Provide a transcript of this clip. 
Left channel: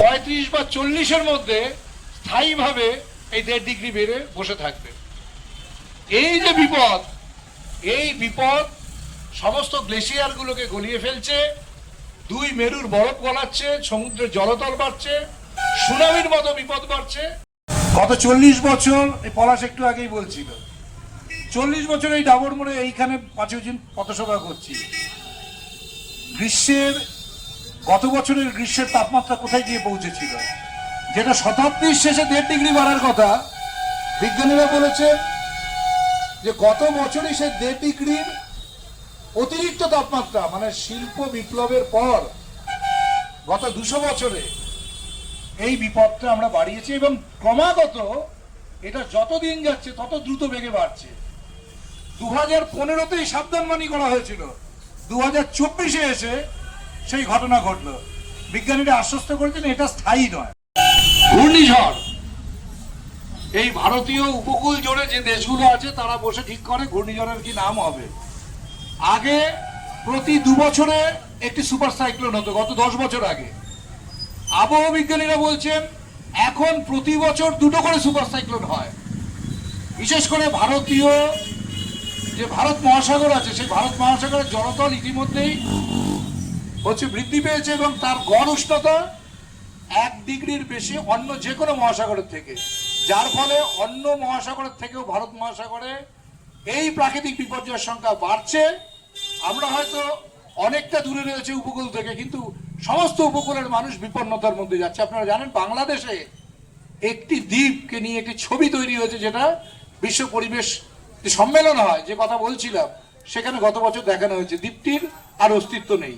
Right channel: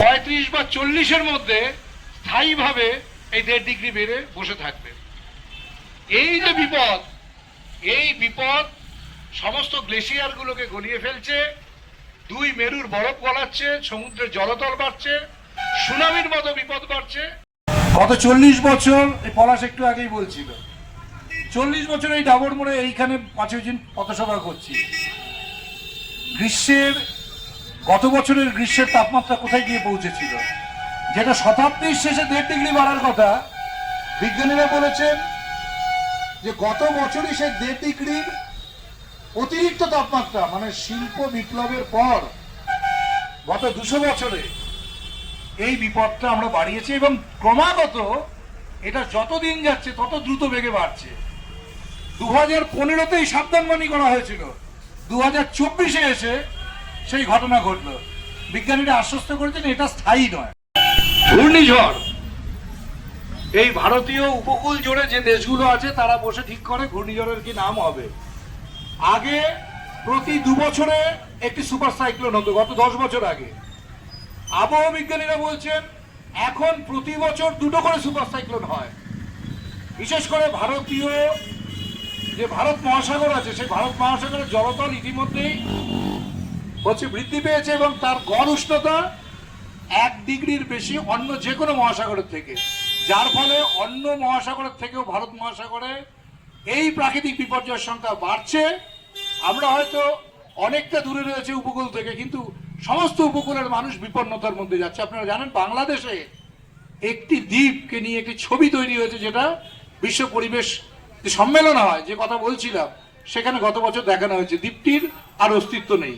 35 বা 40-এর মধ্যে স্থায়ীভাবে এই 1.5 ডিগ্রি বেড়ে বসে থাকবে। এই যে বিপদ, এই বিপদ সমস্ত গ্লেশিয়ারগুলোকে গলিয়ে ফেলছে, 2 মেরুর বরফ গলাচ্ছে, সমুদ্রের জলতল বাড়ছে, সুনামির মতো বিপদ বাড়ছে। গত 40 বছর, এই পলাশ একটু আগেই বলছিল, 40 বছর এই ডাবর মোড়ে এইখানে 5 দিন পথসভা করছি। গত বছরের গ্রীষ্মের তাপমাত্রা কোথায় গিয়ে পৌঁছেছিল, যেটা শতাব্দীর শেষে 1.5 ডিগ্রি বাড়ার কথা। বিজ্ঞানীরা বলেছেন যে গত বছরই সে 1.5 ডিগ্রির অতিরিক্ত তাপমাত্রা, মানে শিল্প বিপ্লবের পর গত 200 বছরে এই বিপদটা আমরা বাড়িয়েছি, এবং ক্রমাগত এটা যত দিন যাচ্ছে তত দ্রুত বেগে বাড়ছে। 2015-তেই সাবধানবাণী করা হয়েছিল, 2024-এ এসে সেই ঘটনা ঘটলো। বিজ্ঞানীরা আশ্বস্ত করেছেন এটা স্থায়ী নয়। ঘূর্ণিঝড়, এই ভারতীয় উপকূল জুড়ে যে দেশগুলো আছে তারা বসে ঠিক করে ঘূর্ণিঝড়ের কি নাম হবে। আগে প্রতি 2 বছরে একটি সুপার সাইক্লোন হতো, গত 10 বছর আগে। আবহাওয়া বিজ্ঞানীরা বলছেন এখন প্রতি বছর 2টো করে সুপার সাইক্লোন হয়। বিশেষ করে যে ভারত মহাসাগর আছে, সেই ভারত মহাসাগরের জলতল ইতিমধ্যেই বৃদ্ধি পেয়েছে, এবং তার গড় উষ্ণতা 1 ডিগ্রির বেশি অন্য যে কোনো মহাসাগরের থেকে, যার ফলে অন্য মহাসাগরের থেকেও ভারত মহাসাগরে এই প্রাকৃতিক বিপর্যয়ের সংখ্যা বাড়ছে। আমরা হয়তো অনেকটা দূরে রয়েছে উপকূল থেকে, কিন্তু সমস্ত উপকূলের মানুষ বিপন্নতার মধ্যে যাচ্ছে। আপনারা জানেন বাংলাদেশে একটি দ্বীপকে নিয়ে একটি ছবি তৈরি হয়েছে, যেটা বিশ্ব পরিবেশ সম্মেলন হয়, যে কথা বলছিলাম, সেখানে গত বছর দেখানো হয়েছে দ্বীপটির আর অস্তিত্ব নেই।